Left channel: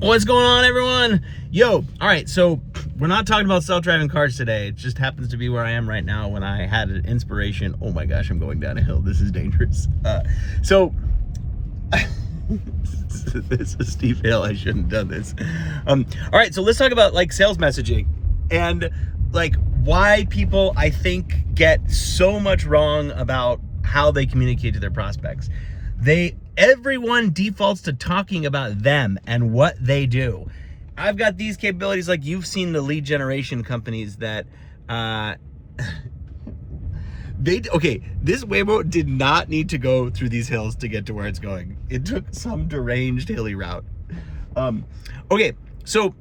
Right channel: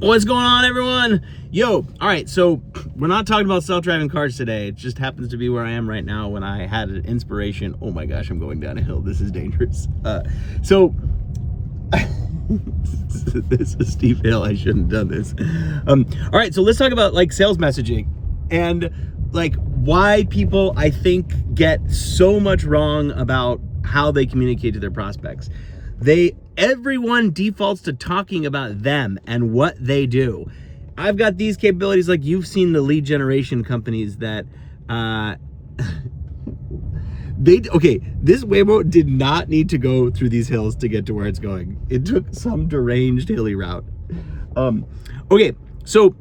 What's going on, everyone? Yo, all right, so we're not talking about self-driving cars today. It just happens to be where I am right now when I had an inspiration. Oh my gosh, I'm going down a hill. This is dangerous. This is a steep hill. I shouldn't have done this. All right, so let's talk about like sales messaging and like why people, I think, get so much wrong about how they communicate to their prospects. Everyone defaults to talking about them and what they do. I've got these capabilities, like you've seen the lead generation companies that, this Waymo did not need to go through these hills to get to where it's going. It took some deranged hilly route. Okay, so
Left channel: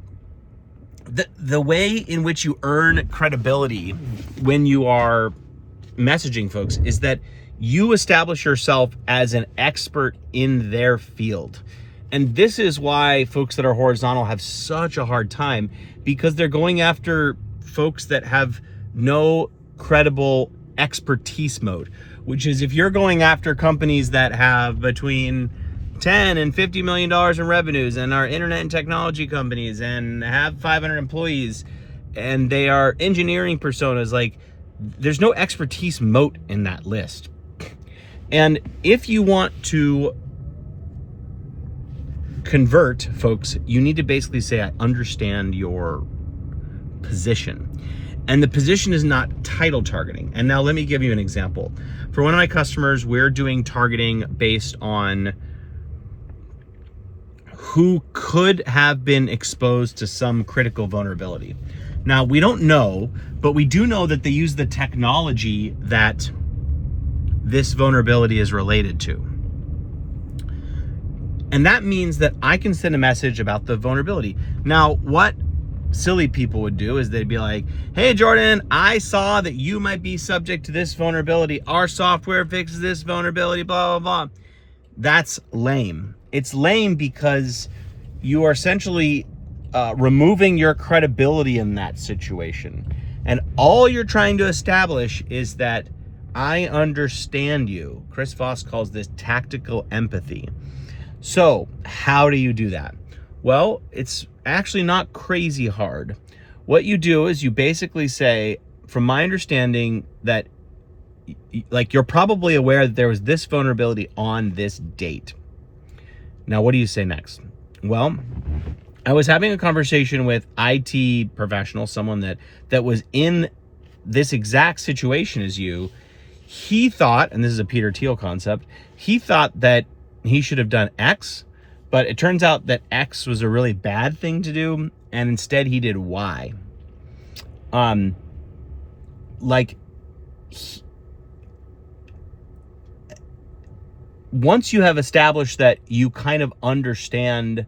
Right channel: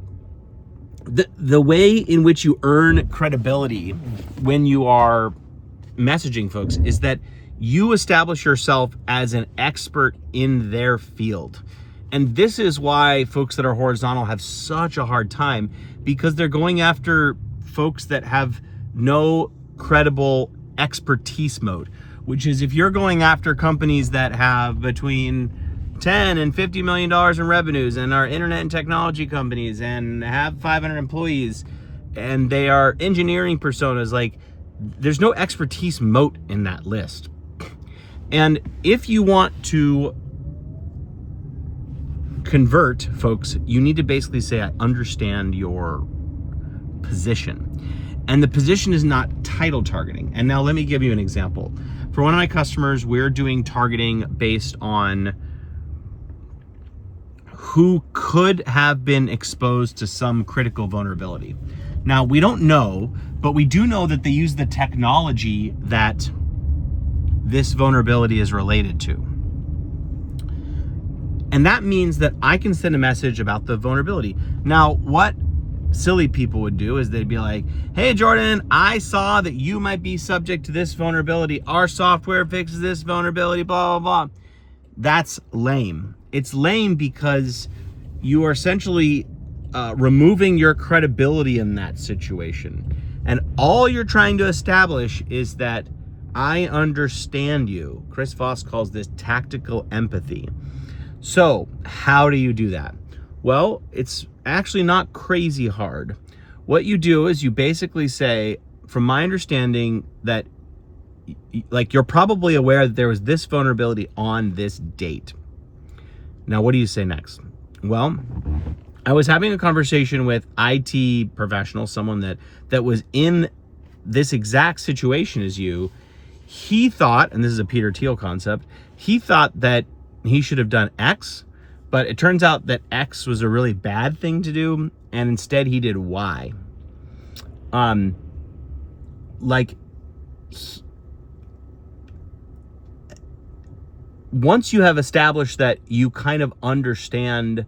the way in which you earn credibility when you are messaging folks is that you establish yourself as an expert in their field. And this is why folks that are horizontal have such a hard time, because they're going after folks that have no credible expertise mode, which is if you're going after companies that have between 10 and $50 million in revenues and are internet and technology companies and have 500 employees and they are engineering personas, like there's no expertise moat in that list. And if you want to convert folks, you need to basically say, I understand your position. And the position is not title targeting. And now let me give you an example. For one of my customers, we're doing targeting based on who could have been exposed to some critical vulnerability. Now, we don't know, but we do know that they use the technology that this vulnerability is related to. And that means that I can send a message about the vulnerability. Now, what silly people would do is they'd be like, hey, Jordan, I saw that you might be subject to this vulnerability. Our software fixes this vulnerability, blah, blah, blah. That's lame. It's lame because you are essentially removing your credibility in that situation. And all you're trying to establish is that I understand you. Chris Voss calls this tactical empathy. So how do you do that? Well, it's actually not crazy hard. What you do is you basically say, from my understanding, that like you're probably aware that there was this vulnerability on this date. Now, what do you say next? Well, I was having a conversation with IT professional, someone that was in this exact situation as you. He thought, and this is a Peter Thiel concept, he thought that he should have done X, but it turns out that X was a really bad thing to do, and instead he did Y. Once you have established that you kind of understand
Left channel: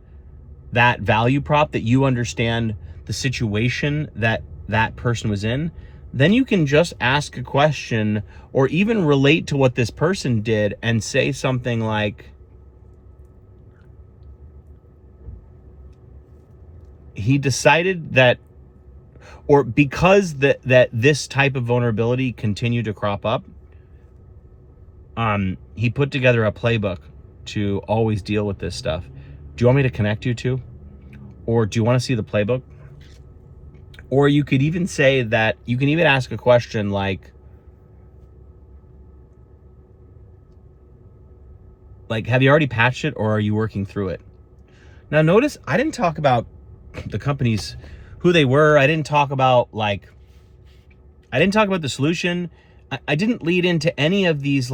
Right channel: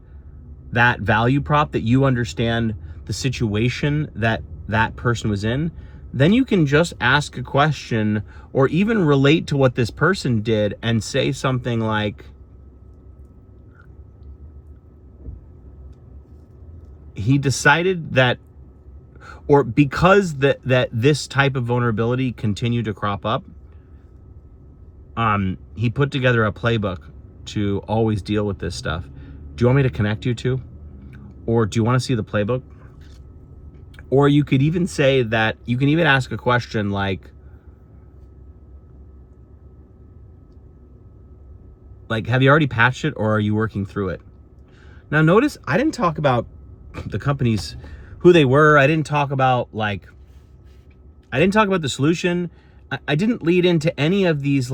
that value prop, that you understand the situation that that person was in, then you can just ask a question or even relate to what this person did and say something like, he decided that, or because that this type of vulnerability continued to crop up, he put together a playbook to always deal with this stuff. Do you want me to connect you to? Or do you want to see the playbook? Or you could even say that, you can even ask a question like, have you already patched it or are you working through it? Now notice, I didn't talk about the companies, who they were. I didn't talk about the solution. I didn't lead into any of these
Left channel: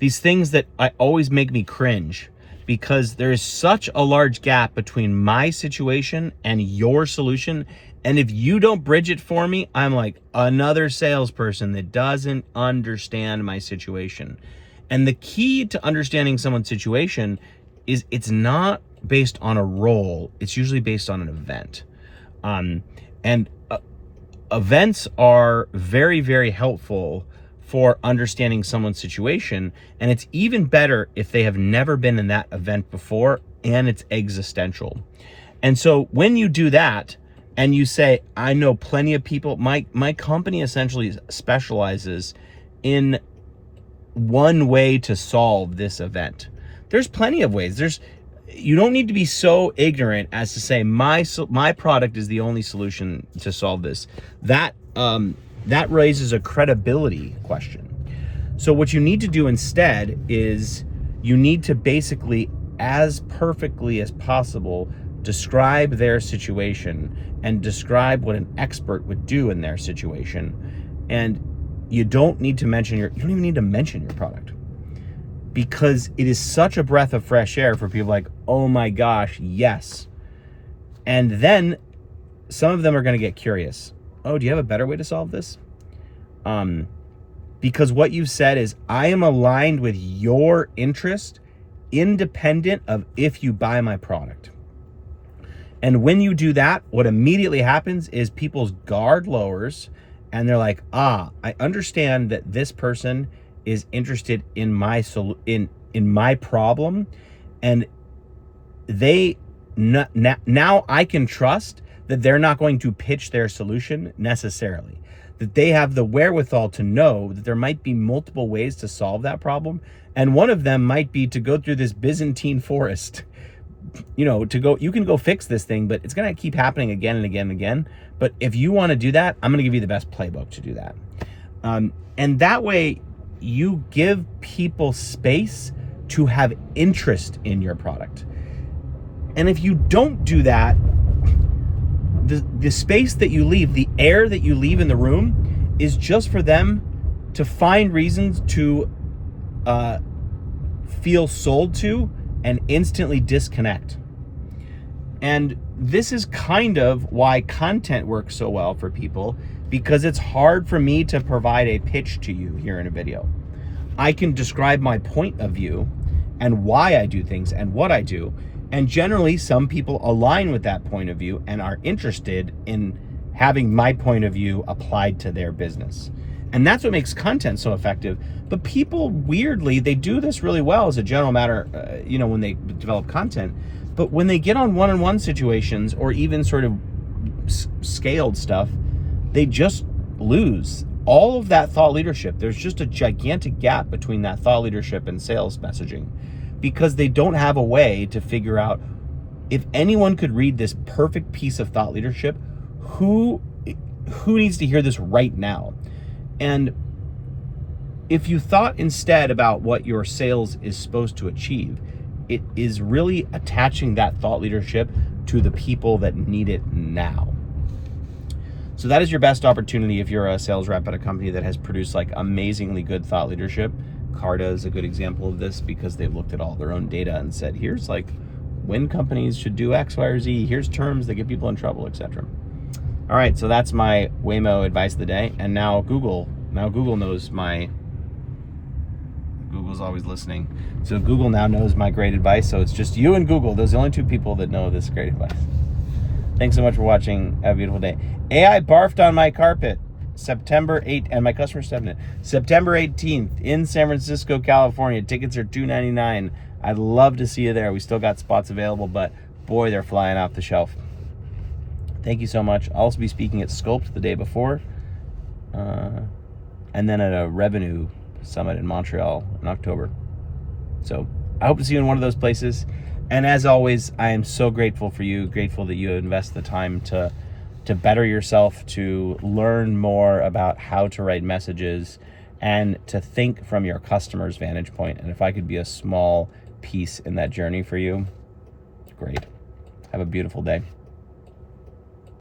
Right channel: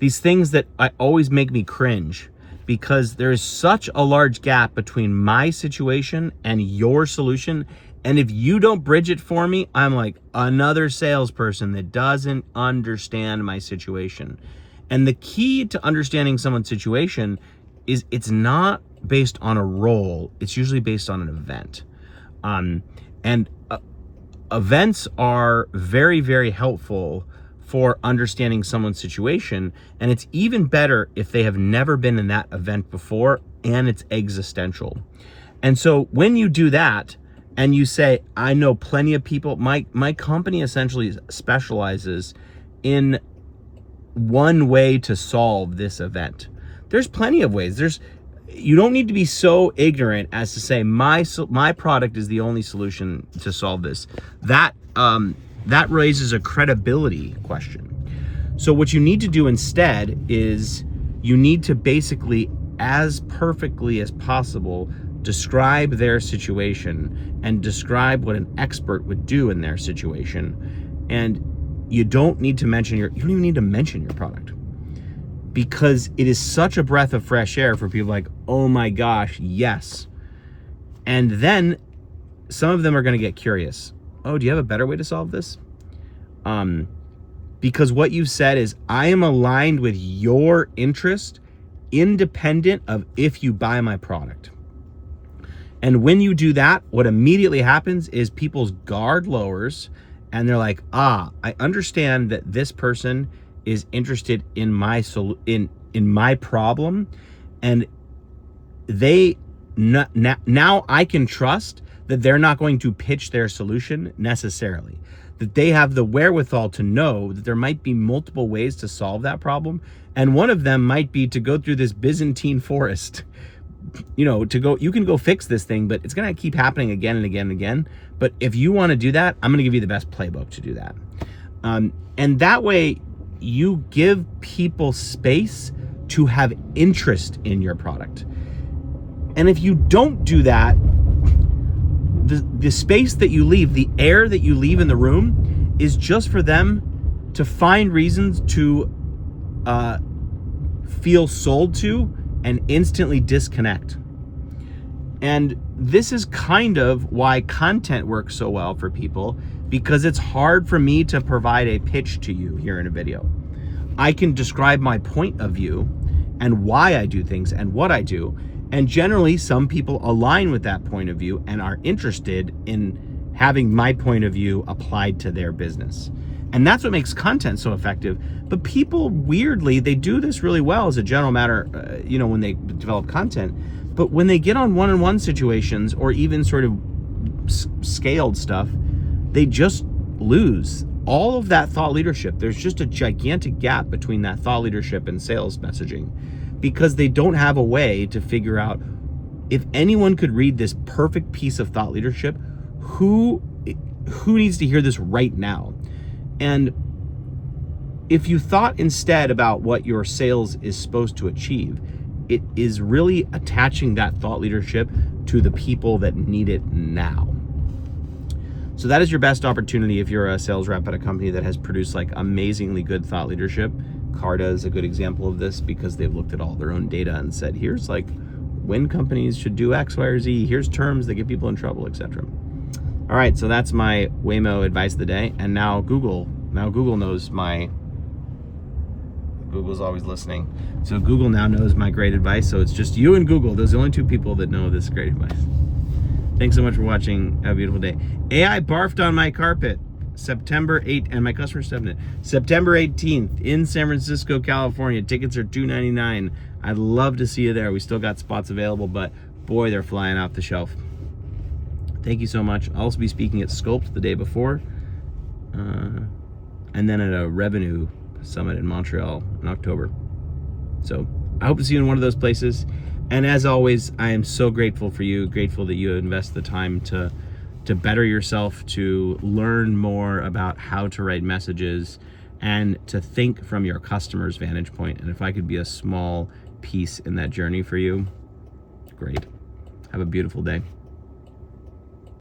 these things that always make me cringe, because there is such a large gap between my situation and your solution. And if you don't bridge it for me, I'm like another salesperson that doesn't understand my situation. And the key to understanding someone's situation is it's not based on a role. It's usually based on an event. Events are very, very helpful for understanding someone's situation. And it's even better if they have never been in that event before and it's existential. And so when you do that and you say, I know plenty of people, my company essentially specializes in one way to solve this event. There's plenty of ways. You don't need to be so ignorant as to say my product is the only solution to solve this. That raises a credibility question. So what you need to do instead is you need to basically, as perfectly as possible, describe their situation and describe what an expert would do in their situation. And you don't need to mention you don't even need to mention your product, because it is such a breath of fresh air for people like, oh my gosh, yes. And then some of them are going to get curious. Oh, do you have a better way to solve this? Because what you've said is, I am aligned with your interest, independent of if you buy my product. And when you do that, what immediately happens is people's guard lowers, and they're like, I understand that this person is interested in my in my problem, and now I can trust that they're not going to pitch their solution necessarily, that they have the wherewithal to know that there might be multiple ways to solve that problem, and one of them might be to go through this Byzantine forest. You can go fix this thing, but it's gonna keep happening again and again and again. But if you want to do that, I'm gonna give you the best playbook to do that. And that way you give people space to have interest in your product. And if you don't do that, the space that you leave, the air that you leave in the room, is just for them to find reasons to feel sold to and instantly disconnect. And this is kind of why content works so well for people, because it's hard for me to provide a pitch to you here in a video. I can describe my point of view and why I do things and what I do. And generally, some people align with that point of view and are interested in having my point of view applied to their business. And that's what makes content so effective. But people, weirdly, they do this really well as a general matter, when they develop content. But when they get on one-on-one situations or even sort of scaled stuff, they just lose all of that thought leadership. There's just a gigantic gap between that thought leadership and sales messaging, because they don't have a way to figure out, if anyone could read this perfect piece of thought leadership, who needs to hear this right now? And if you thought instead about what your sales is supposed to achieve, it is really attaching that thought leadership to the people that need it now. So that is your best opportunity if you're a sales rep at a company that has produced like amazingly good thought leadership. Carta is a good example of this, because they've looked at all their own data and said, here's like when companies should do X, Y, or Z, here's terms that get people in trouble, etc. All right, so that's my Waymo advice of the day. And now Google knows Google's always listening. So Google now knows my great advice. So it's just you and Google. Those are the only two people that know this great advice. Thanks so much for watching. Have a beautiful day. AI barfed on my carpet September 8th, and my customer stepped in it. September 18th in San Francisco, California. Tickets are $299. I'd love to see you there. We still got spots available, but boy, they're flying off the shelf. Thank you so much. I'll also be speaking at Sculpt the day before, and then at a revenue summit in Montreal in October. So I hope to see you in one of those places. And as always, I am so grateful for you, grateful that you invest the time to better yourself, to learn more about how to write messages, and to think from your customer's vantage point. And if I could be a small piece in that journey for you, great. Have a beautiful day.